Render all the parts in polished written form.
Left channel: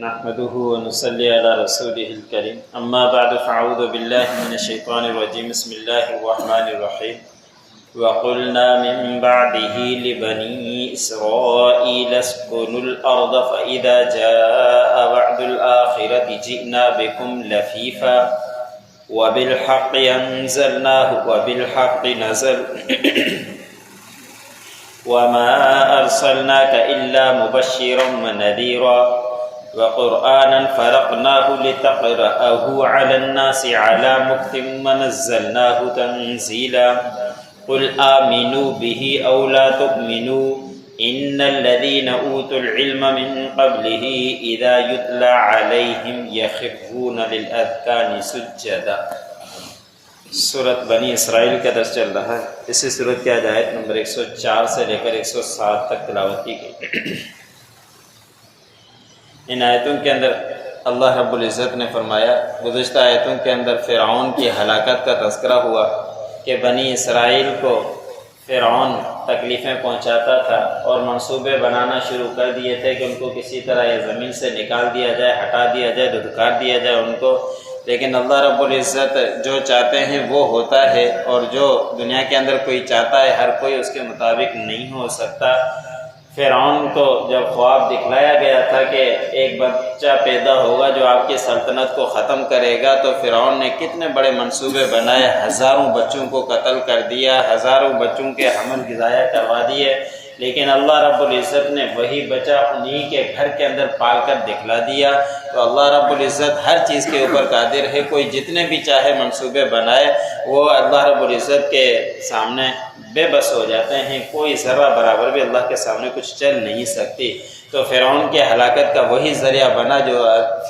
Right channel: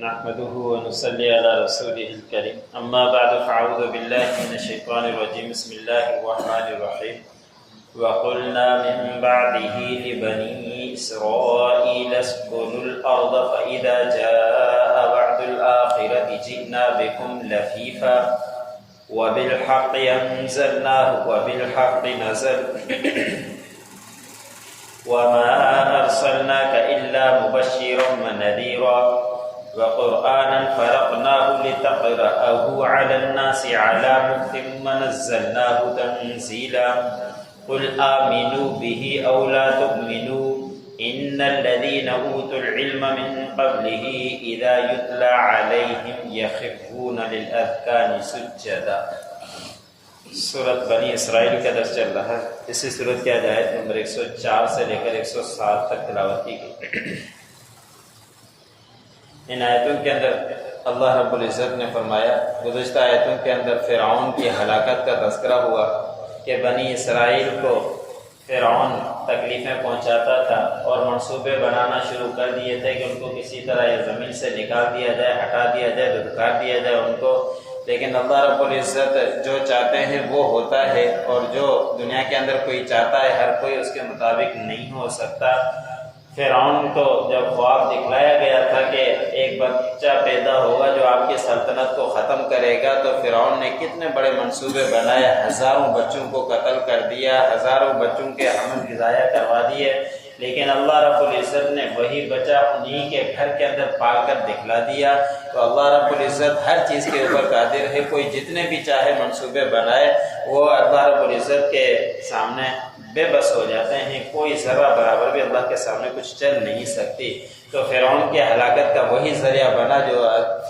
نحمده ونصلي على رسوله الكريم اما بعد فاعوذ بالله من الشيطان الرجيم بسم الله الرحمن الرحيم وقلنا من بعده لبني إسرائيل اسكنوا الأرض فإذا جاء وعد الآخرة جئنا بكم لفيفا وبالحق أنزلناه وبالحق نزل وما أرسلناك إلا مبشرا ونذيرا وقرآنا فرقناه لتقرأه على الناس على مكث ونزلناه تنزيلا قل آمنوا به أو لا تؤمنوا إن الذين أوتوا العلم من قبله إذا يتلى عليهم يخرون للأذقان سجدا۔ سورۃ بنی اسرائیل کا درس چل رہا ہے۔ اسی سورۃ کی آیت نمبر 104 سے لے کر 107 تک تلاوت کی گئی۔ ان آیتوں کے اندر اللہ رب العزت نے فرمایا، گزشتہ آیتوں کے اندر فرعون کی ہلاکت کا تذکرہ ہوا کہ بنی اسرائیل کو فرعون تکلیفیں پہنچاتا تھا اور منصوبے بنانا شروع کر دیے تھے کہ ان کو کسی طرح یہ زمین سے نکال دیا جائے، ہٹا دیا جائے، دھتکار دیا جائے ان کو۔ لیکن اللہ رب العزت جو چاہتے ہیں وہ ہوتا ہے، اور جو دنیا کے اندر کوئی چاہتا ہے ہر کوئی اس کے مطابق نہیں ہو سکتا۔ فرعون کو جب خواب دکھلایا گیا تھا کہ ایک بچہ پیدا ہوگا جو آپ کی سلطنت کو ختم کرے گا، تو فرعون نے کتنے بڑے منصوبے بنائے، ہزاروں بچوں کو قتل کر دیا، ہزاروں بچوں کے حمل ضائع کروا دیے۔ لیکن اللہ رب العزت نے وہی بچہ انہی کے گھر کے اندر پال کر دکھلا دیا۔ تو اللہ رب العزت ہر چیز کے اوپر قادر ہے، کوئی جتنے بھی چاہے منصوبے بنائے وہ اللہ رب العزت کے سامنے بے بس ہو جاتے ہیں، کوئی ذرہ برابر بھی اللہ کے سامنے کچھ چل نہیں سکتی۔ تو فرعون کے ہلاکت کا وہی ذریعہ بنا جو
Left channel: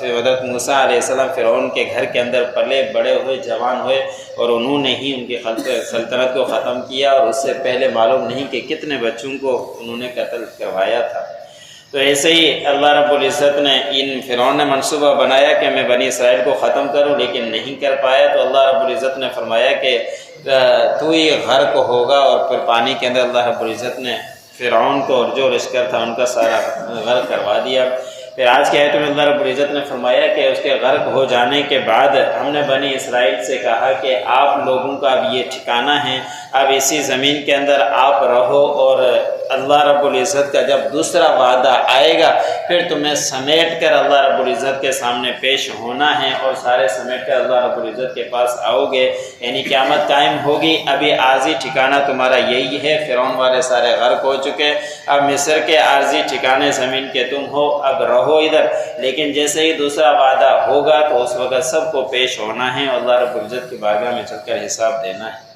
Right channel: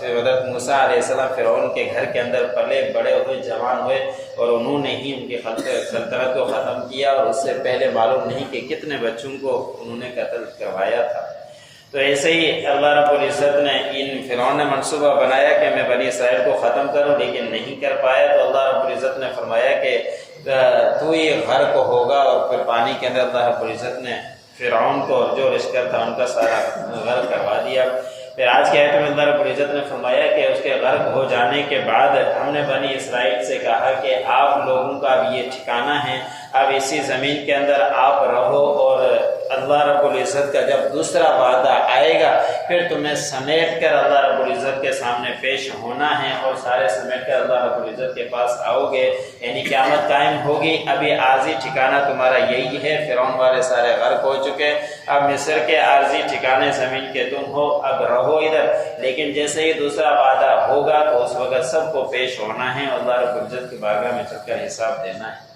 حضرت موسیٰ علیہ السلام فرعون کے گھر کے اندر پلے بڑے ہوئے، جوان ہوئے، اور انہوں نے ہی ان کی سلطنت کو ختم کیا، اور اس سے پہلے معلوم نہیں کہ کتنے بچوں کو انہوں نے قتل کروایا تھا۔ تو ایسے ہی اللہ رب العزت نے فرعون نے منصوبہ بنایا کہ میں بنی اسرائیل کو ختم کروں، لیکن نہیں کر پایا۔ تو اللہ رب العزت نے فرمایا کہ تو یہ غرق ہوگا، اور پھر پانی کے اندر اللہ رب العزت نے فرعون کو اور جو لشکر تھا ان کا سارا غرق کروا دیا۔ پھر آج کی آیت میں اللہ رب العزت نے فرمایا کہ اس کے غرق ہو جانے کے بعد ہم نے بنی اسرائیل سے کہا کہ آپ لوگوں کا اب یہ ٹھکانہ ہے، اب اسی زمین کے اندر آپ رہو، اور اللہ رب العزت کا جب دوسرا وعدہ آئے گا پھر تمہیں سمیٹ کر اللہ رب العزت کے سامنے پیش ہونا ہے، اور سارے سمیٹ کر اللہ رب العزت کے پاس آؤ گے، یعنی قیامت قائم ہوگی۔ ابھی عارضی ٹھکانہ تمہارا یہی ہے، فرعون والے سارے غرق ہو چکے، اب مصر کے عارضی ٹھکانے زمین کے تم ہو، اب رہو ادھر، لیکن جیسے ہی دوسرا وعدہ ہوگا تو اس وقت سب کو پیش ہونا ہے، اور اللہ رب العزت کی بارگاہ میں چل کر حساب دینا ہے۔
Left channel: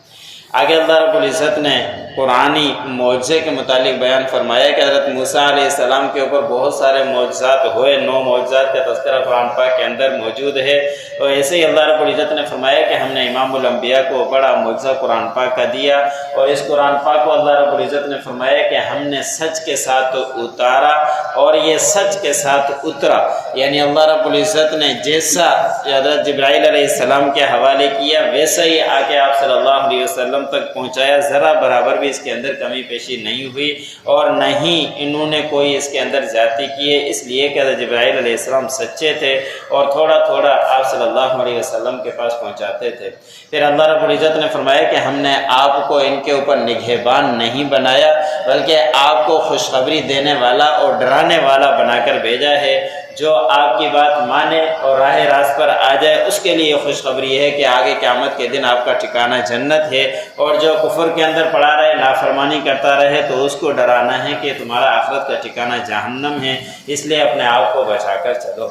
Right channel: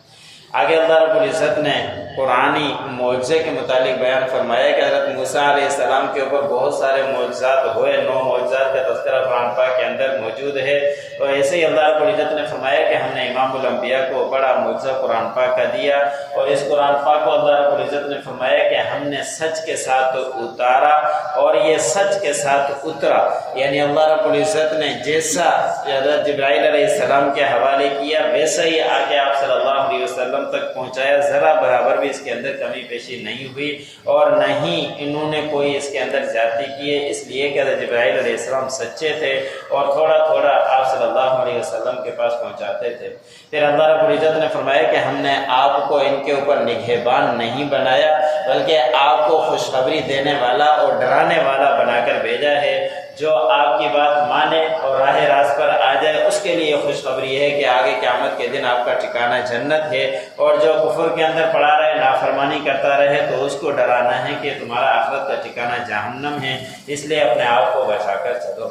آگے اللہ رب العزت نے قرآنی معجزے کے متعلق بیان فرمایا کہ حضرت موسیٰ علیہ السلام کے اوپر بہت سارے معجزات ہوئے، 9 معجزات کا تذکرہ قرآن پاک کے اندر موجود ہے۔ اور ایسے ہی اللہ رب العزت نے فرمایا کہ ہم نے امام الانبیاء کو بڑا معجزہ قرآن پاک کا دیا، اور اس قرآن پاک کو اللہ رب العزت نے فرمایا کہ ہم نے سچ کے ساتھ اتارا، اور یہ سچ کے ساتھ اترا، یعنی اللہ رب العزت نے جیسا حضرت جبرائیل علیہ السلام کے حوالے کیا ویسا ہی آ کے آپ صلی اللہ علیہ وسلم تک پہنچایا، ذرا برابر بھی اس کے اندر کمی پیشی نہیں ہوئی، اور نہ ہی انہوں نے کوئی اس کے اندر زیادتی کی ہے، اس لیے کہ حضرت جبرائیل علیہ السلام سچے تھے اور تھوڑا تھوڑا آپ صلی اللہ علیہ وسلم کے پاس پہنچاتے تھے۔ پھر اللہ رب العزت نے فرمایا کہ ہم نے آپ کو ان کے اوپر نگہبان نہیں بنایا، بلکہ آپ کو خوشخبری دینے والا اور ڈرانے والا بنا کر بھیجا ہے۔ جو آپ کی بات مانے اور راہ راست پر آ جائے اس کے لیے خوشخبری ہے کہ آگے قیامت کے دن آپ کا ٹھکانہ جنت ہے، اور جو کفر کے اندر پڑا رہے، نافرمانی کرتا رہے، تو اس کو ڈرانا ہے کہ تمہارا آخرت کا ٹھکانہ جہنم ہے، اس لیے اپنے آپ کو بچا کر چلو۔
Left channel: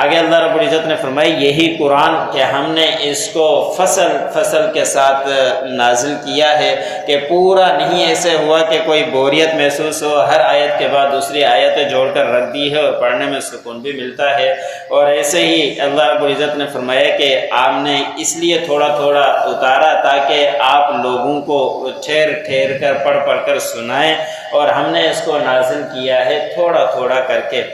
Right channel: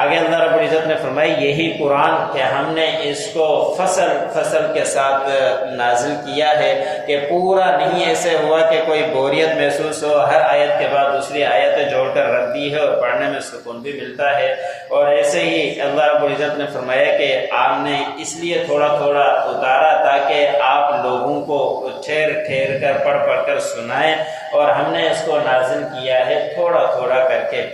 آگے اللہ رب العزت نے فرمائی یہی قرآن کہ ہم نے اس کو فصل فصل کے ساتھ نازل کیا ہے، کہ پورا نہیں ایسے ہوا کہ کوئی بوریت محسوس ہو، ہر آیت کے بعد دوسری آیتیں جوڑ کر رکھ دی ہے، اور پڑھنے میں سکون بھی ملتا ہے۔ اور ایسے ہی اللہ رب العزت نے فرمایا کہ آپ نے اس لیے تھوڑا تھوڑا اتارا تاکہ آپ لوگوں کو ٹھہر ٹھہر کر پڑھ کر سنائیں، اور ہم نے اس کو نازل کیا ہے تھوڑا تھوڑا کر کے۔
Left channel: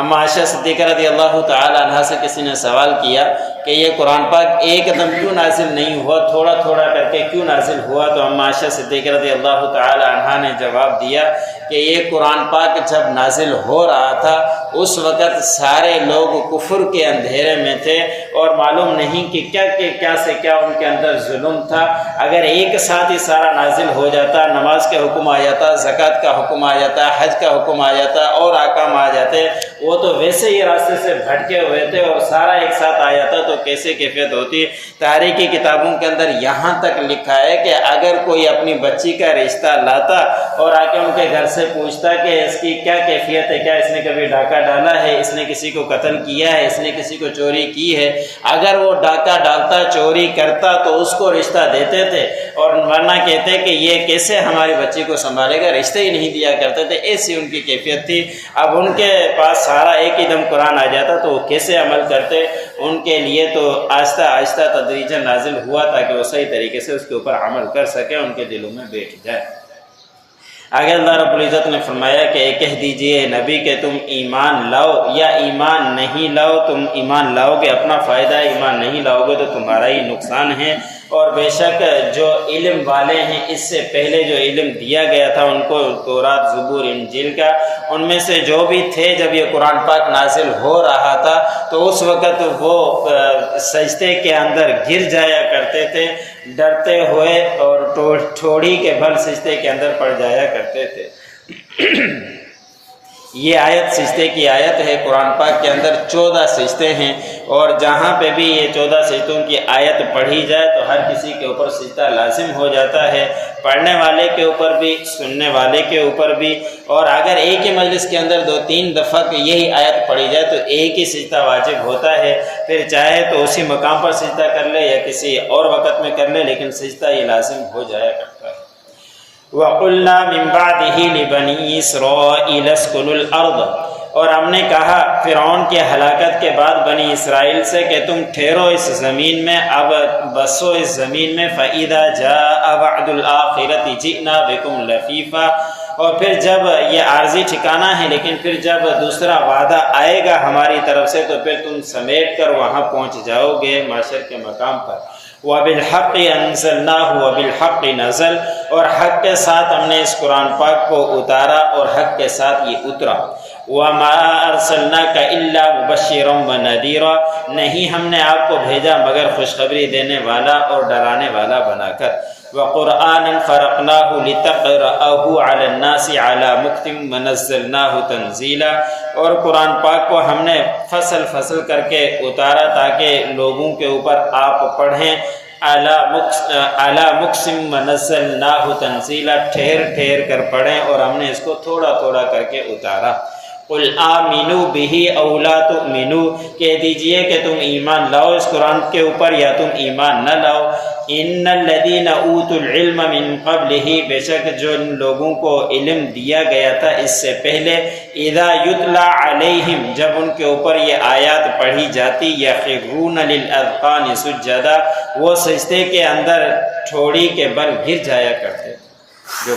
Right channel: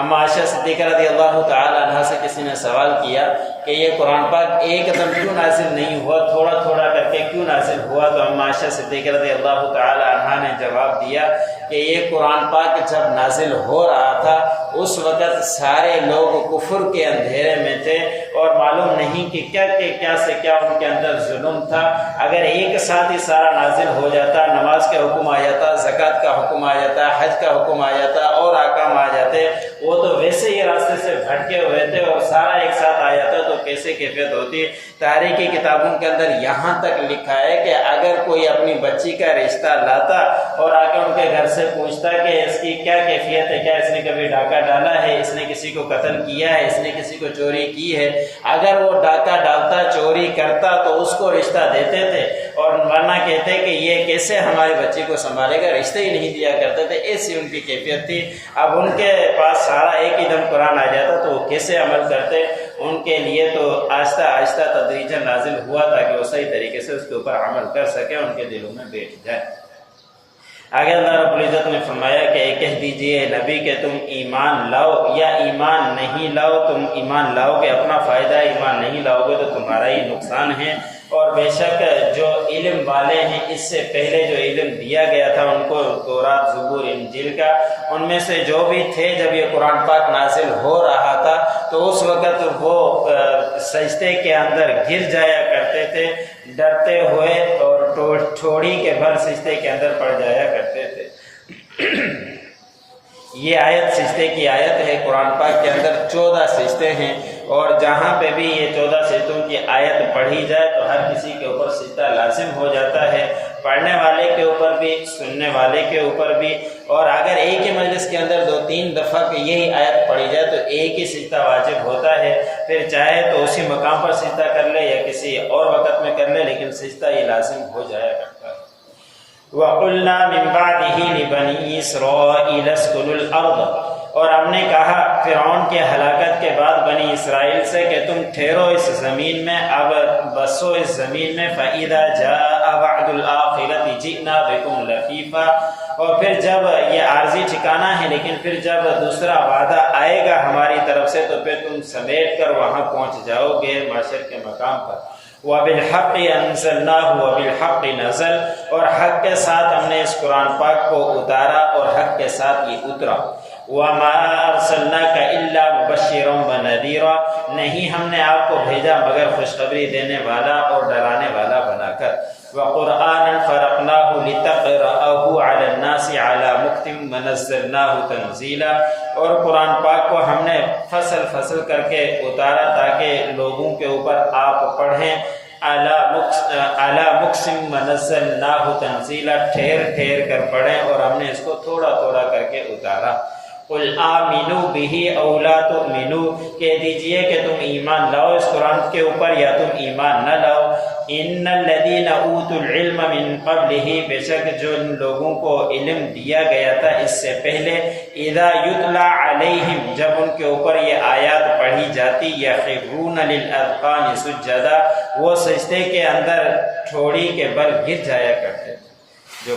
اما عائشہ صدیقہ رضی اللہ تعالی عنہا سے کسی نے سوال کیا کہ یہ قرآن پاک ایک دم کیوں نازل نہیں ہوا، تھوڑا تھوڑا کر کے کیوں نازل ہوا؟ تو اما عائشہ صدیقہ رضی اللہ تعالی عنہا نے جواب دیا کہ یہ قرآن پاک جب نازل ہو رہا تھا اس وقت سارے لوگ کفر کے اندھیرے میں تھے اور معلوم نہیں کہ کیا سے کیا ان کے اندر ظلم تھا۔ اگر ایک ساتھ ہی سارا نازل ہو جاتا، نماز کے حکم آ جاتا، زکوٰۃ کا حکم آ جاتا، حج کا حکم آ جاتا اور احکام آ جاتے، وہ تو ویسے ہی راستے سے بھٹکے ہوئے تھے اور سارا ایک ساتھ آ جاتا تو کیسے کیفیت ہوتی۔ تاریخی کتابوں کے اندر یہاں تک لکھا ہے کہ اگر کوئی اپنی بچی کا رشتہ لاتا اور آ کے ان کے گھر سے پوچھتا کہ اس کی کیا کیفیت ہے، کیا اس نے کبھی ڈاکہ ڈالا ہے، اس نے کسی کو قتل کیا ہے، اس نے کسی کو چوری کی ہے، اگر وہ ڈاکہ ڈالتا، چوری کرتا تو اس کو رشتہ دیتے تھے، اور ورنہ کہتے کہ یہ کیسے ہماری بچی کو سنبھالے گا، رشتہ ہی نہیں دیا کرتے تھے۔ ایسی ان کی کیفیت تھی۔ اب ان کے پاس سارا ایک ہی دم قرآن آ جاتا تو وہ کیسے عمل کرتے؟ ان کے لیے تو آہستہ آہستہ تدریجاً نازل ہوا تاکہ وہ صحیح طریقے سے اس کے اوپر عمل کر سکے، ان کے دلوں میں بیٹھ جائے۔ آگے اللہ رب العزت نے فرمایا کہ کہہ دیجئے نبی کہ تم ایمان لاؤ یا ایمان نہیں لاؤ، تم ایمان لاؤ گے اپنا فائدہ، ایمان نہیں لاؤ گے تو تمہارا ہی نقصان ہے۔ اور بے شک جو علم والے ہیں، اس سے پہلے جو علم دیا گیا تھا ان کو تورات، زبور، انجیل کا، ان میں سے جو بھی تھے جب یہ قرآن پاک نازل ہو رہا تھا تو اس وقت وہ سجدے کے اندر گر جایا کرتے تھے ڈرتے ہوئے، اور ٹھوڑی کے بھر سجدے کے اندر پڑ جایا کرتے تھے۔ یہ آیت سجدے کی آیت ہے۔ قرآن پاک کے اندر 14 سجدے ہیں، اور جہاں پہ بھی یہ 14 سجدوں کی آیت پڑھی جائے تو ہر کسی کے اوپر سجدہ لازم ہو جاتا ہے، پڑھنے والے کے اوپر بھی، سننے والے کے اوپر بھی۔ اور اگر ایک ہی مجلس کے اندر 2-3 دفعہ یہی آیت پڑھی جائے تو ایک ہی سجدہ واجب ہوتا ہے، پھر چاہے تو اسی مقام پر سجدہ کر لے یا کسی اور وقت میں کر لے، لیکن سجدہ یہ لازم ہو جایا کرتا ہے۔ وَقُلْنَا مِن بَعْدِهِ لِبَنِي إِسْرَائِيلَ اسْكُنُوا الْأَرْضَ، اور ہم نے کہا فرعون کی ہلاکت کے بعد بنی اسرائیل سے کہ تم ٹھہرو اس زمین میں، اب بسو اس زمین میں۔ فَإِذَا جَاءَ وَعْدُ الْآخِرَةِ جِئْنَا بِكُمْ لَفِيفًا، اور پھر جب یہ عارضی ٹھکانہ ہے، لیکن پھر جب دوسرا وعدہ آئے گا ہماری طرف سے تو پھر تم سمیٹ کر وہاں پہنچ جاؤ گے معاشر کے مقام پر۔ وَبِالْحَقِّ أَنزَلْنَاهُ وَبِالْحَقِّ نَزَلَ، اور حق کے ساتھ ہم نے اس قرآن پاک کو اتارا اور حق کے ساتھ یہ اترا۔ وَمَا أَرْسَلْنَاكَ إِلَّا مُبَشِّرًا وَنَذِيرًا، نہیں ہم نے آپ کو بھیجا مگر خوشخبری دینے والا اور ڈرانے والا بنا کر۔ وَقُرْآنًا فَرَقْنَاهُ لِتَقْرَأَهُ عَلَى النَّاسِ عَلَى مُكْثٍ وَنَزَّلْنَاهُ تَنزِيلًا، اور قرآن پاک کو ہم نے فصل فصل کر کے اتارا تاکہ لوگوں کے اوپر آپ پڑھیں۔ عَلَى مُكْثٍ وَنَزَّلْنَاهُ تَنزِيلًا، ٹھہر ٹھہر کر پڑھیں اور ہم نے اس کو تھوڑا تھوڑا کر کے اتارا۔ قُلْ آمِنُوا بِهِ أَوْ لَا تُؤْمِنُوا، کہہ دیجئے کہ تم ایمان لاؤ اس قرآن کے اوپر یا تم ایمان نہ لاؤ۔ إِنَّ الَّذِينَ أُوتُوا الْعِلْمَ مِن قَبْلِهِ، بے شک جو لوگوں کو علم دیا گیا تھا اس سے پہلے، إِذَا يُتْلَى عَلَيْهِمْ، جب ان کے اوپر یہ آیات پڑھی جاتی، يَخِرُّونَ لِلْأَذْقَانِ سُجَّدًا، وہ سجدے کے اندر ٹھوڑی کے بل گر جایا کرتے جو